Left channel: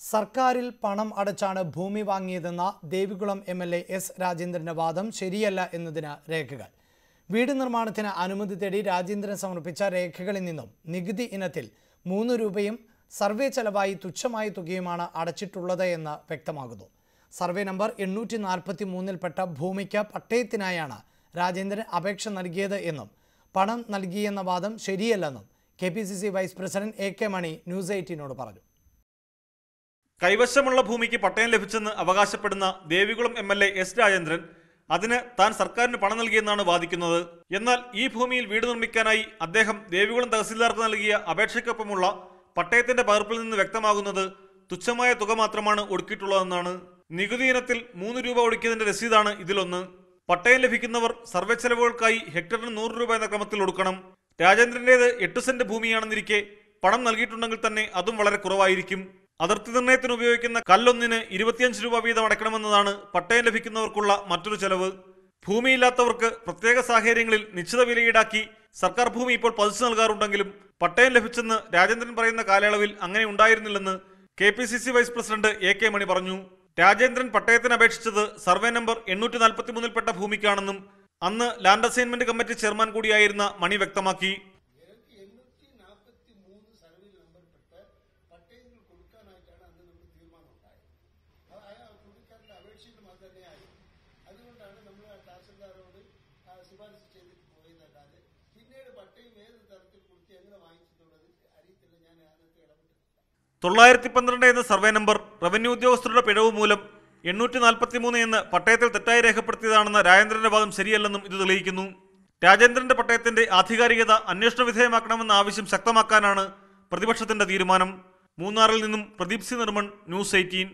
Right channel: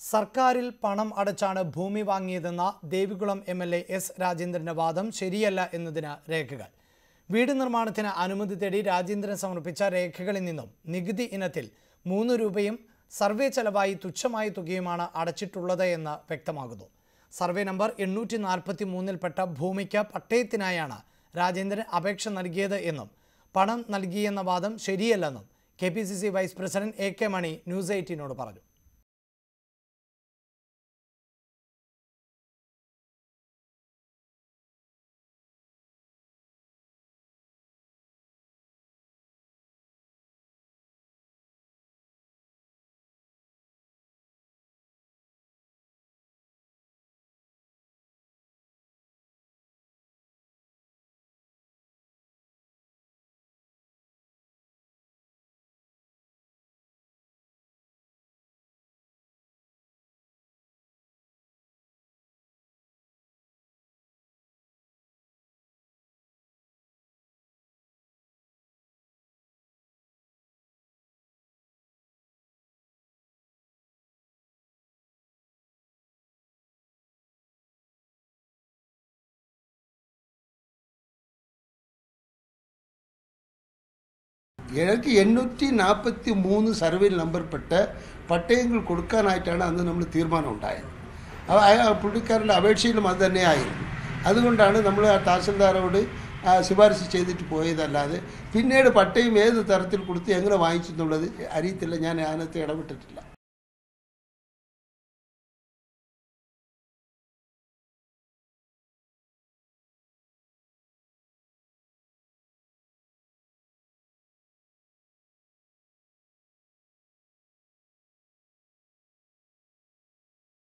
സർക്കാരിൽ പണം അടച്ചാണ് ഭൂമി വാങ്ങിയതെന്ന Devikulam M L A S രാജേന്ദ്രന്റെ വാദം ശരിയല്ല എന്നതിന് രേഖകൾ. വീട് നിർമ്മാണത്തിന് അനുമതി തേടി രാജേന്ദ്രൻ സമർപ്പിച്ച രേഖകളിൽ നിന്നും നികുതി ഇനത്തിൽ മൂന്ന് രൂപയും സർവേ ചെലവായി തുച്ഛമായ തുകയുമാണ് അടച്ചിട്ടുള്ളത് എന്ന് വ്യക്തമാകുന്നു. സർവേ നമ്പർ എണ്ണൂറ്റി നാൽപ്പത്തി മൂന്നിൽപ്പെട്ട ഭൂമിക്ക് പട്ടയത്തിനായാണ് രാജേന്ദ്രൻ അപേക്ഷ നൽകിയത് എന്നും പണം നൽകിയെന്ന വാദം ശരിയല്ലെന്നും K vice president A K Mani news എയ്റ്റീനോട് പറഞ്ഞു. കൈവശമുള്ള ഭൂമിക്ക് പട്ടയം ലഭിച്ചെന്ന് അവകാശപ്പെടുന്ന Devikulam M L A S Rajendran അതിന് താൻ സർക്കാരിന് പണം നൽകിയെന്നാണ് വാദിക്കുന്നത്. എന്നാൽ ഈ ഭൂമിയിൽ വീട് നിർമ്മിക്കാനായി അദ്ദേഹം ദേവികുളം തഹസീൽദാർക്ക് നൽകിയ അപേക്ഷയ്ക്കൊപ്പമുള്ള പട്ടയത്തിന്റെ പകർപ്പിൽ നിന്ന് വ്യക്തമാകുന്നത് തുച്ഛമായ തുക മാത്രമാണ് ഒടുക്കിയിട്ടുള്ളതെന്നാണ്. നികുതി ഇനത്തിൽ മൂന്ന് രൂപ ഒടുക്കിയതിന്റെ രസീതാണ് ഇതിലൊന്ന്. പട്ടയം ലഭിക്കുന്നവർ സർവേ ചെലവുകൾക്കായി ഹെക്ടറിന് നൂറ് രൂപ എന്ന ക്രമത്തിൽ ഒടുക്കണം. രാജേന്ദ്രന്റേത് എട്ട് സെന്റ് ഭൂമിയാണെന്നിരിക്കെ പണം നൽകിയിട്ടുണ്ടെങ്കിൽ തന്നെ അതും വളരെ കുറവായിരിക്കും. അതിർത്തി നിർണയത്തിന് ഉപയോഗിക്കുന്ന കല്ലൊന്നിന് ഇരുപത്തിയഞ്ച് രൂപ വീതം അടയ്ക്കണമെന്നതാണ് പട്ടയം ലഭിക്കുന്നവർക്കുള്ള മറ്റൊരു ചെലവ്. ഭൂമിയില്ലാത്തവർക്ക് പ്രത്യേക സാഹചര്യങ്ങളിൽ നിശ്ചിത വില ഈടാക്കി സർക്കാർ ഭൂമി ഇപ്പോൾ പതിച്ചു നൽകാറുണ്ടെങ്കിലും പട്ടയം ലഭിച്ചെന്ന് രാജേന്ദ്രൻ പറയുന്ന കാലയളവിൽ അങ്ങനെ ഉണ്ടായിരുന്നില്ലെന്ന് K P C C vice president A K Mani പറഞ്ഞു. രാജേന്ദ്രൻ പട്ടയത്തിന് അപേക്ഷിച്ചത് സർവേ നമ്പർ എണ്ണൂറ്റി നാൽപ്പത്തി മൂന്നിൽപ്പെട്ട ഭൂമിക്കാണെന്നും അന്ന് ലാൻഡ് അസൈൻമെന്റ് കമ്മിറ്റി ചെയർമാൻ കൂടിയായിരുന്ന മണി വ്യക്തമാക്കി. എനിക്ക് എണ്ണൂറ്റി നാൽപ്പത്തി മൂന്ന് സർവേയിൽ നമ്പർപ്പെട്ട് പട്ടയങ്ങൾ കൊടുക്കാനായിട്ടാണ് അന്ന് നമ്മൾ തീരുമാനം ഉണ്ടായത്. പുള്ളിക്കാരന്റെ അപേക്ഷയിലും അത് തന്നെയായിരുന്നു. അതുകൊണ്ടാണ് നമ്മൾ ആ തഹസിൽദാരോട് ശുപാർശ ചെയ്തിട്ട് പോയതല്ലാതെ പിന്നീട് പട്ടയം ഏത് തരത്തിൽ കൊടുത്ത് എങ്ങനെ വാങ്ങിച്ചു എന്നുള്ളത് അറിയത്തില്ല. ഞാൻ അതിനകത്ത് ഇടപെട്ടിട്ടില്ല. തൊള്ളായിരത്തി പന്ത്രണ്ട് എന്ന സർവേ നമ്പർ റവന്യൂ ഉദ്യോഗസ്ഥരുടെ പിഴവ് മൂലം എണ്ണൂറ്റി നാൽപ്പത്തി മൂന്ന് എന്ന് പട്ടയത്തിൽ തെറ്റായി രേഖപ്പെടുത്തിയതാണെന്ന രാജേന്ദ്രന്റെ വാദം ശരിയല്ലെന്നും ഇത് തെളിയിക്കുന്നു. രാജേന്ദ്രന്റെ പട്ടയത്തിന്റെ ആധികാരികത അന്വേഷണ വിധേയമാക്കണമെന്ന ആവശ്യം ശക്തമാക്കാനാണ് പ്രതിപക്ഷത്തിന്റെ തീരുമാനം. മൂന്നാറിൽ നിന്നും Pradeep C Nirman news eighteen.